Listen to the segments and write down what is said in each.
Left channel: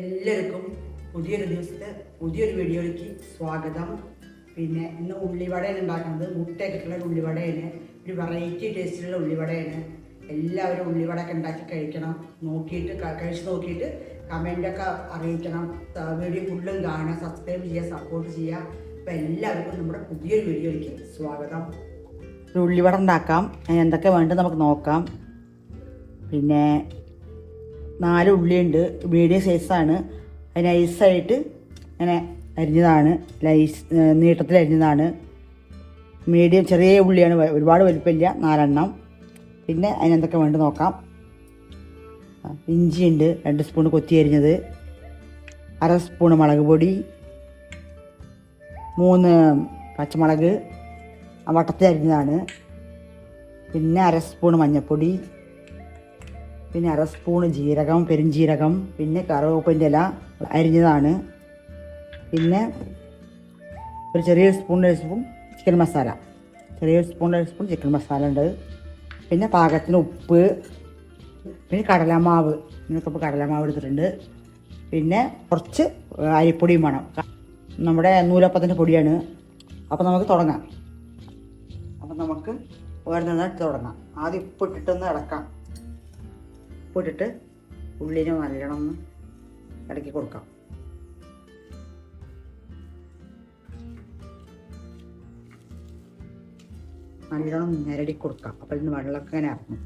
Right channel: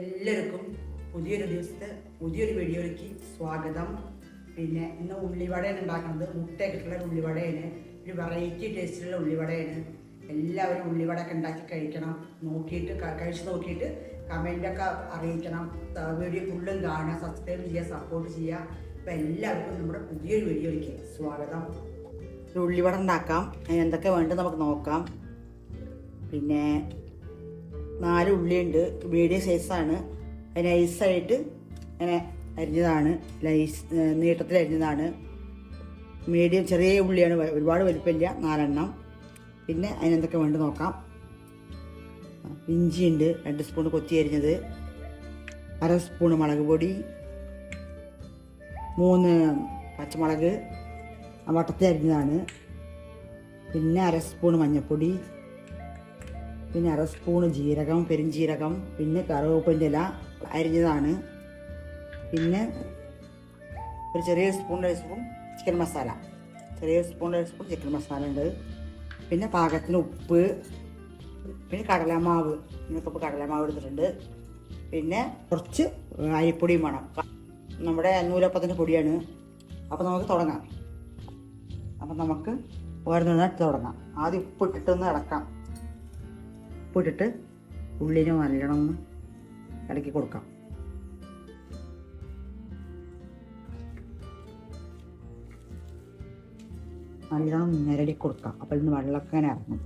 എല്ലാവർക്കും പുതിയൊരു ദിവസത്തെ പുതിയൊരു വീഡിയോയിലേക്ക് സ്വാഗതം. പിന്നെ ഇന്ന് ഉള്ളിവടയാണ് ഉണ്ടാക്കുന്നത്. മുട്ടയൊക്കെ ഇട്ടുള്ള ഒരു ഉള്ളിവടയാണ്. ഒരു വെറൈറ്റി ടേസ്റ്റിലുള്ള ഉള്ളിവടയാണ്. എല്ലാവരും ഉള്ളിവടയൊക്കെ ഉണ്ടാക്കി കഴിക്കണം. നോക്കിയിട്ട് കഴിച്ച് നോക്കിയിട്ട് കമന്റൊക്കെ അറിയിക്കണം. വീഡിയോ ഫുള്ളും കാണുക സബ്സ്ക്രൈബ് ചെയ്യുക സപ്പോർട്ട് ചെയ്യുക. അപ്പോൾ എല്ലാവർക്കും നമ്മുടെ പുതിയൊരു വീഡിയോയിലേക്ക് സ്വാഗതം. ഉള്ളിവട ഉണ്ടാക്കാം. എന്തൊക്കെ വേണ്ടത് നമുക്ക് നോക്കാം. പിന്നെ നാല് ഉള്ളിയുണ്ട്. മീഡിയം സൈസാണ് അത് നൈസായിട്ട് ഇങ്ങനെ അരിഞ്ഞതാണ്. ലൈസ് നീട്ടത്തിൽ അരിഞ്ഞതാണ്. മീഡിയം ചെറിയ ഉള്ളിയാണ്. ഒരുപാട് വലുപ്പമില്ല. നാലെണ്ണം. പിന്നെ അതിനെന്തൊക്കെ വേണ്ട നോക്കാം. ഇഞ്ചിയുണ്ട് രണ്ട് സ്പൂൺ കൊത്തി അരിഞ്ഞത്. അര സ്പൂൺ മുളക് പൊടി. മൂന്ന് പച്ചമുളക്. വട്ടത്തിൽ അരിഞ്ഞതാണ്. പിന്നെ അര സ്പൂൺ മഞ്ഞൾപ്പൊടി. പിന്നെ അര സ്പൂണ് ജീരകം പെരുംജീരകം പിന്നെ കറുവപ്പിന്റെ ഇല അരിഞ്ഞതാണ്. പിന്നെ ഒരു ചെറിയ ഒരു സ്പൂൺ ചിക്കൻ മസാല. ചെറിയ ഒരു സ്പൂൺ ചിക്കൻ മസാല ഉണ്ട്. പിന്നെ പാകത്തിന് ഉപ്പ് പിന്നെ കടലമാവ്. ഇപ്പോൾ കടലമാവ് എടുത്തിട്ടുണ്ട്. പിന്നെ കുറച്ച് അരിപ്പൊടിയും വേണം. നമ്മുടെ നൂലപ്പത്തിന്റെ പൊടിയാണ്. അപ്പോൾ നമുക്ക് തുടങ്ങാം. അപ്പം നമുക്ക് ഓരോന്നിട്ട് തുടങ്ങാം. ആദ്യം ഉപ്പ് ഉപ്പിട്ടിട്ടൊന്ന് ഇളക്കാം. ഉപ്പിട്ടിട്ട് ഉള്ളിന് നല്ലോണം ഇടയ്ക്ക് കൊടുക്കാം. നല്ലോണം നേരടി കൊടുക്കാം. അപ്പോൾ ഇന്ന് വെള്ളമൊക്കെ ഇങ്ങനെ ഇറങ്ങും.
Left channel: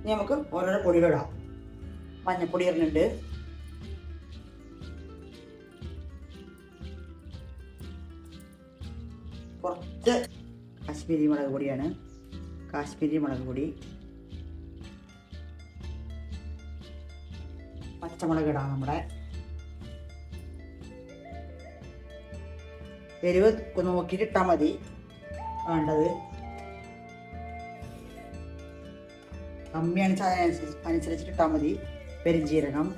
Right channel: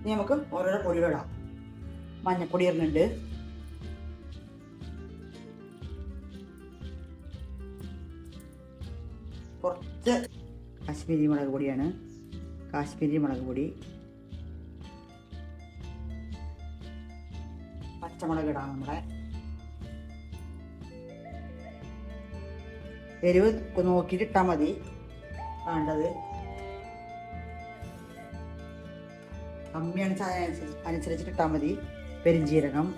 ഇനി നമുക്ക് ഓരോരോ പൊടികളിടാം മഞ്ഞപ്പൊടി ഇടുന്നുണ്ട്. കുറച്ച് കാശ്മീരി മുളക് പൊടിയാണ്. കാശ്മീരി മുളക് പൊടി. പച്ചമുളക് ഇടാം നമ്മുടെ. എരിവ് നോക്കിയിട്ട് ഇട്ടാൽ മതി. വേണ്ടത്. കമ്മിയാണ് അനുസരിച്ചിട്ട് ഇട്ടാൽ മതി. പെരിഞ്ചീരകം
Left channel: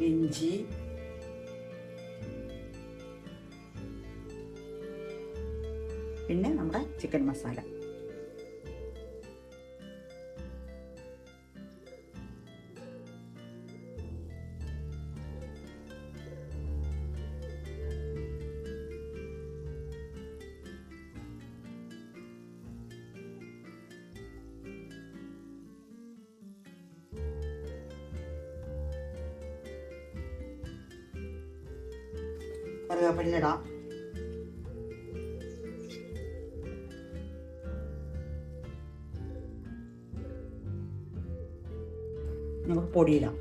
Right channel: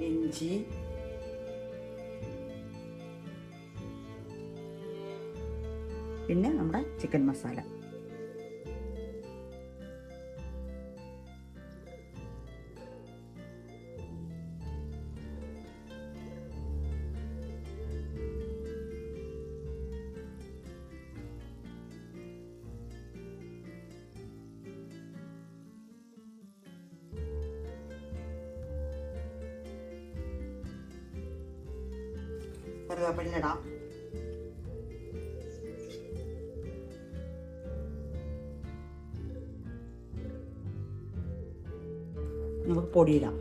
ഇഞ്ചി. പിന്നെ നമ്മുടെ ചിക്കൻ മസാല. കറിവേപ്പില നമുക്ക് പൊടിയിടാം.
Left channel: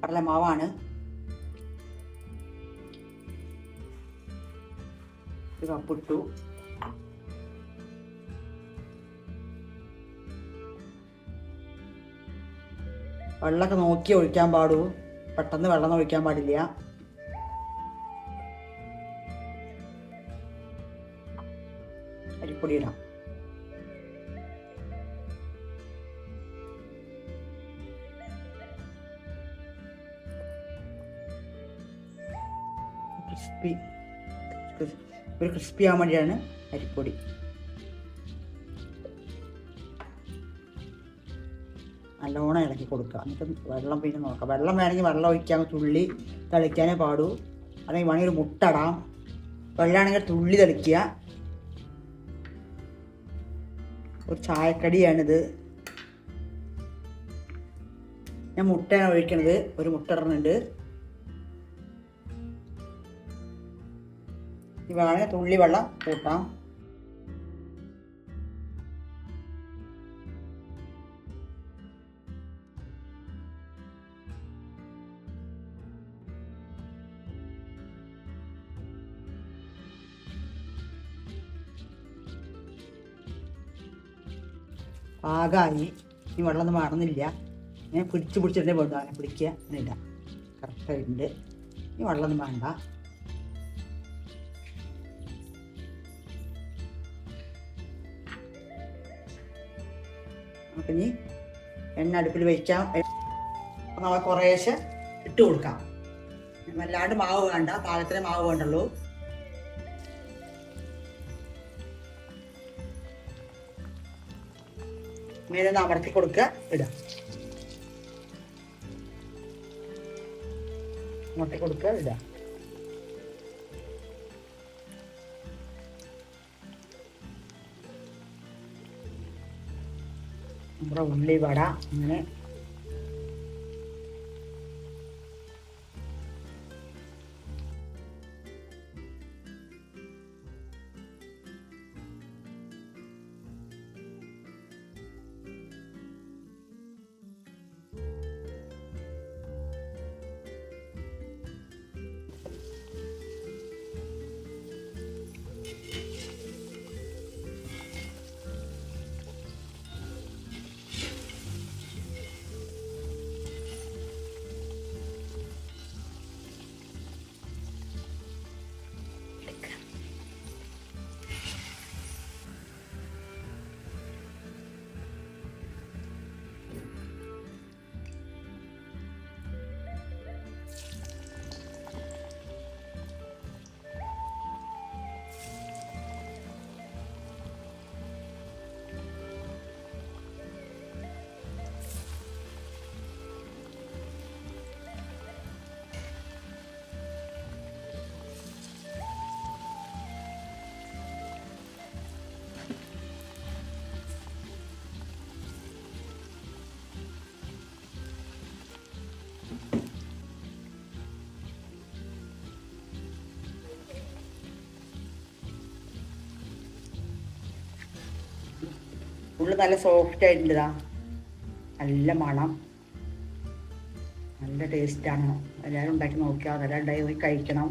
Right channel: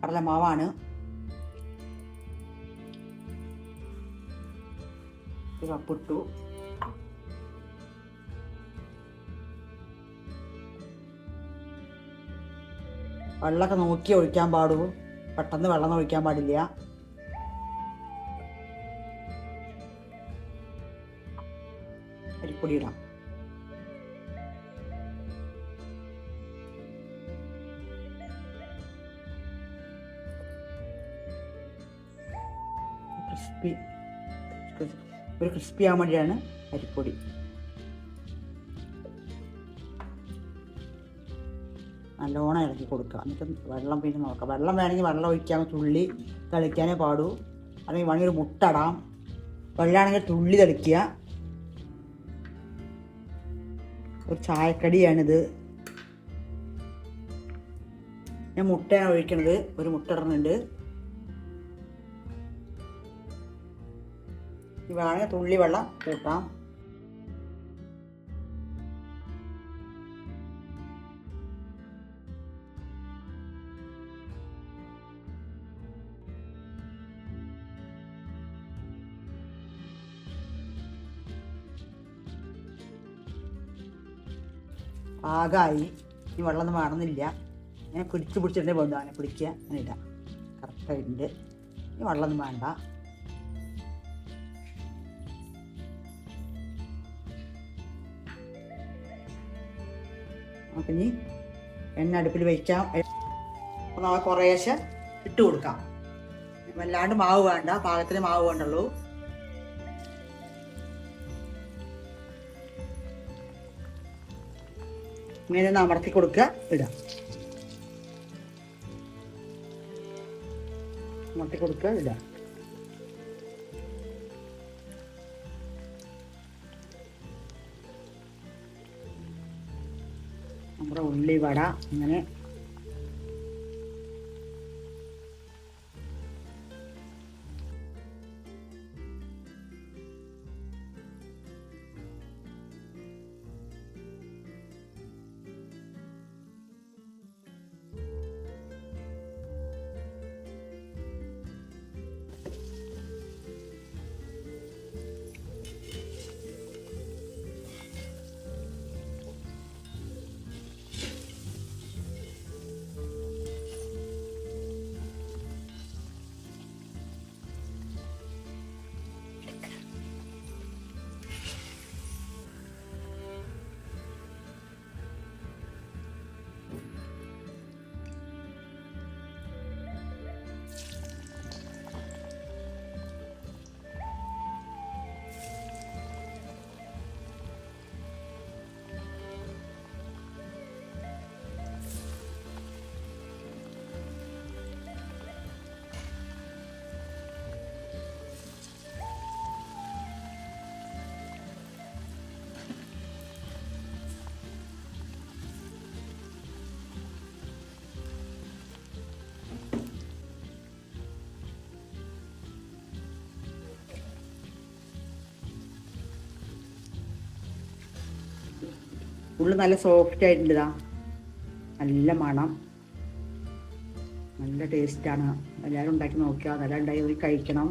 കടലമാവാണ് ഒരു കപ്പിട്ടു വെള്ളമൊക്കെ നോക്കി ഒഴിക്കാൻ പാടൂ. പെട്ടെന്ന് വെള്ളം ഒഴിക്കാൻ പാടില്ല. അരിപ്പൊടി ഇടാം. ക്രിസ്പി ഒരു ക്രിസ്പി ആവാൻ വേണ്ടിയാണ് അരിപ്പൊടി. നല്ലോണം ഇളക്കി കൊടുക്കുക. എന്നിട്ട് വെള്ളം പിന്നെ നോക്കാം വെള്ളം വേണമെങ്കിൽ വെള്ളം ഒഴിക്കാൻ തുള്ളി തളിക്കാനേ പാടൂ. അല്ലെങ്കിൽ വേണമെങ്കിൽ ഒരു മുട്ടടാം വെള്ളമാണെങ്കിൽ തുള്ളി തളിക്കുക. ഒരു ചായക്കടിയാണിത്. ഞാൻ മുട്ടയാണ് ഒഴിക്കണത്. ഒരു മുട്ട ഇടുന്നുണ്ട്. വേണമെങ്കിൽ തുള്ളി വെള്ളം കൂട്ടാം. പാകമായി ഇനി വെള്ളമൊന്നും വേണമെന്നില്ല ഞാൻ പിടിച്ച് പിടിച്ചിട്ടേ വേണ്ടു അങ്ങനെ പിടിക്കുക. അങ്ങനെ ഇടാം കറക്റ്റായിട്ടുണ്ട് ഇനി വെള്ളമൊന്നും വേണ്ട. അപ്പം ഇനി എണ്ണ അടുപ്പിൽ വയ്ക്കാം നമ്മൾ നമുക്ക് കുറേശ്ശെ ഇട്ട് കൊടുക്കാം. വല്ലാണ്ട് മാവ് വേണ്ട പാകത്തിന് മാവ് വേണ്ടുള്ളൂ. ഇങ്ങനെ അമർത്തി കൊടുക്കുക ഇടുക അമർത്തി കൊടുക്കുക ഇടുക നമ്മുടെ ഉള്ളി വട ഉള്ളു നല്ല സോഫ്റ്റ് ആയിട്ടുണ്ടാ നല്ല മണം. നല്ല ടേസ്റ്റാണ് എല്ലാവരും ഉണ്ടാക്കി നോക്കിയാൽ അതെല്ലാം ഉണ്ടായി പോയി കഴിക്കണം.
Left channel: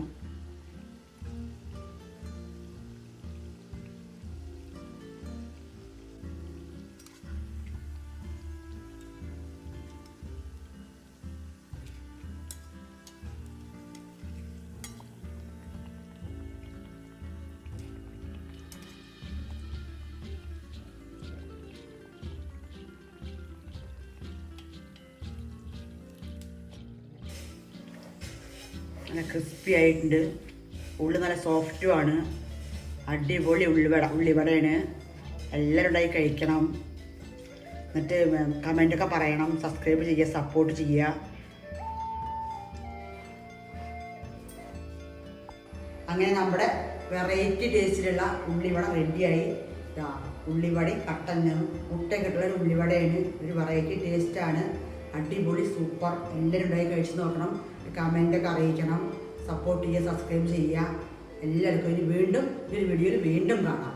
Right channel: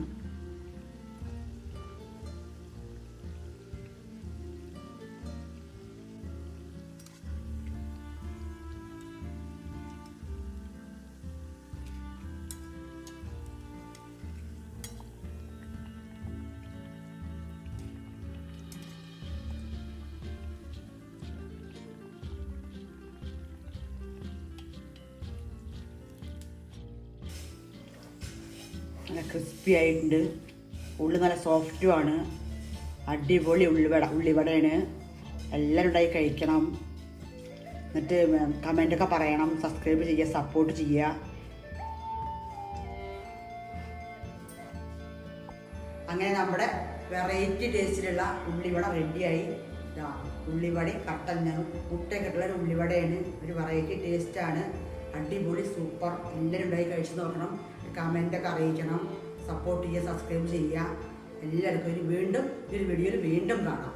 നല്ല ക്രിസ്പി ആയിട്ടുണ്ട്. ഉള്ളു നല്ല സോഫ്റ്റുമാണ് അടിപൊളി ഉള്ളിവട ഉള്ളിവടയാണ് എല്ലാവരും ഉണ്ടായി കഴിക്കണം. എന്നിട്ട് കമന്റൊക്കെ പറയണം. സബ്സ്ക്രൈബ് ചെയ്യുക സപ്പോർട്ട് ചെയ്യുക. അങ്ങനെ നമ്മുടെ വെറൈറ്റി ടേസ്റ്റിലുള്ള ഉള്ളിവട റെഡിയായി ഉള്ളിവടയും മുട്ടയൊക്കെ ഇട്ടുള്ള ഒരു ഉള്ളിവടയാണ് ഒരു വെറൈറ്റി ടേസ്റ്റാണ് അടിപൊളി സൂപ്പർ. എല്ലാവരും ഉണ്ടായി കഴിച്ച് നോക്കണം. കമന്റൊക്കെ അറിയിക്കണം. സപ്പോർട്ട് ചെയ്യുക സബ്സ്ക്രൈബ് ചെയ്യുക. എല്ലാവർക്കും ഇനി വീണ്ടും ഈ ഒരു വീഡിയോയിൽ വീണ്ടും കാണാം.